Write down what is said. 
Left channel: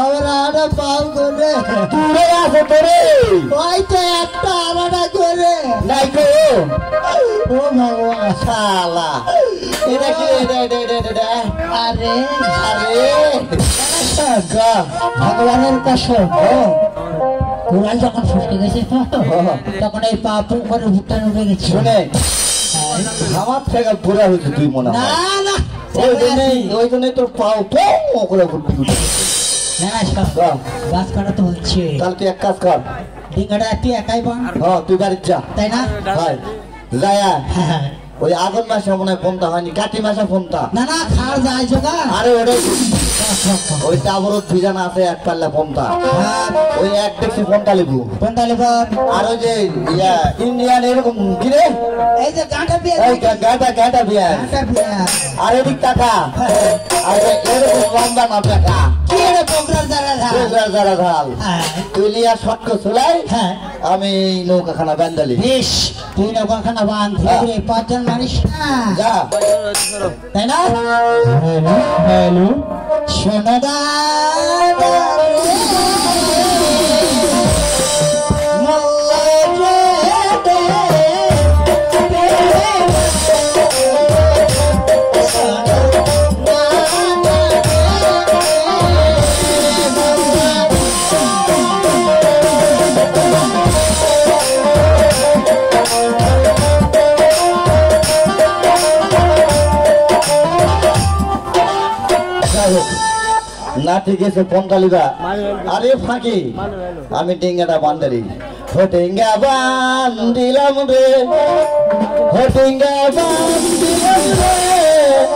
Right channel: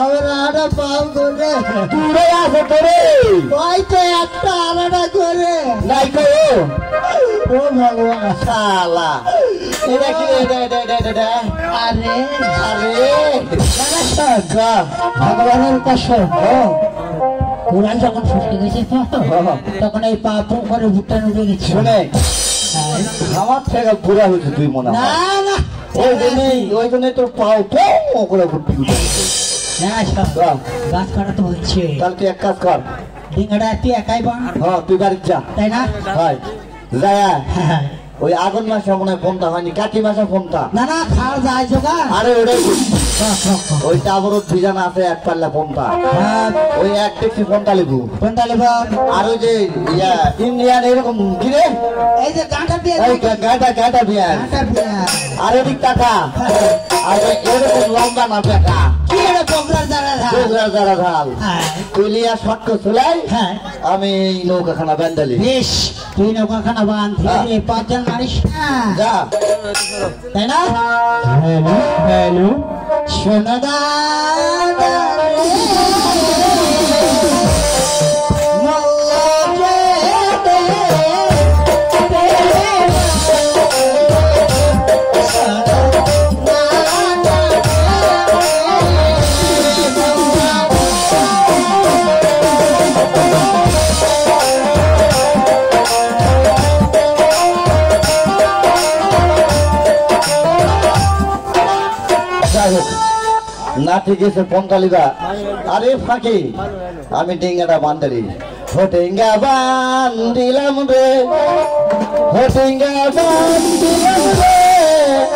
আমরা আড়া পাম করে দূরে আছে তোরে হয়তো একটা আলাদা করে নাই করো ও ভগবান শালা এটা কি এটা আরে আরে ভগবানের কসম তোরা যখন ফসকে গেছিস তখন এই পা করে ভুট্টানো লেগেছে শুনে আমার থেকে বুড়া হয়েছে তুই মনে না হয় না ওই জন্য তোর পাও পো করে ঘুরতে ঘুরতে না সব গাছ কাটা তো হচ্ছে তাহলে তুই এক কাজ কর ডিঙ্গাটা তুই একাই বান তুই বাড়ির যা তাই না হয় যা ওই আগুন মাসে মনে হয় ফোনটা হয়নি কাটি মাসে ফোনটা না না খাওয়া যায় যোগা আরে ওরে ওইটা আবার দুইজন আছে এক পাল্লা ফোনটা ওই এক দেখছি ফোনটা লিখু কোনটা নেব আর ওই যে ইন্ডিয়ান এরকম কিরে এই যে গাঁটা দিয়ে এই গাঁটা বিয়ার আর এদিক টাকা আর এরকম লম্বা না টাকা কি রে বগলার জ্বালা জ্বালা ঢাল তুলিয়া শটক চুলাই হ্যাঁ আমি নৌকাখানা ব্যান্ডালি বেশ তুই নৌকাখানা বান ধীরে পাঁচজন মানিস না যা তাই না হ্যালো শোনা দা না ঠিক আছে ফোনটা লিবা আরে ফাঁকি আমি ডিঙ্গাটা বান্দারি হোটেঙ্গা বান্দিলাম রে হোটেঙ্গা বান্দিলাম রে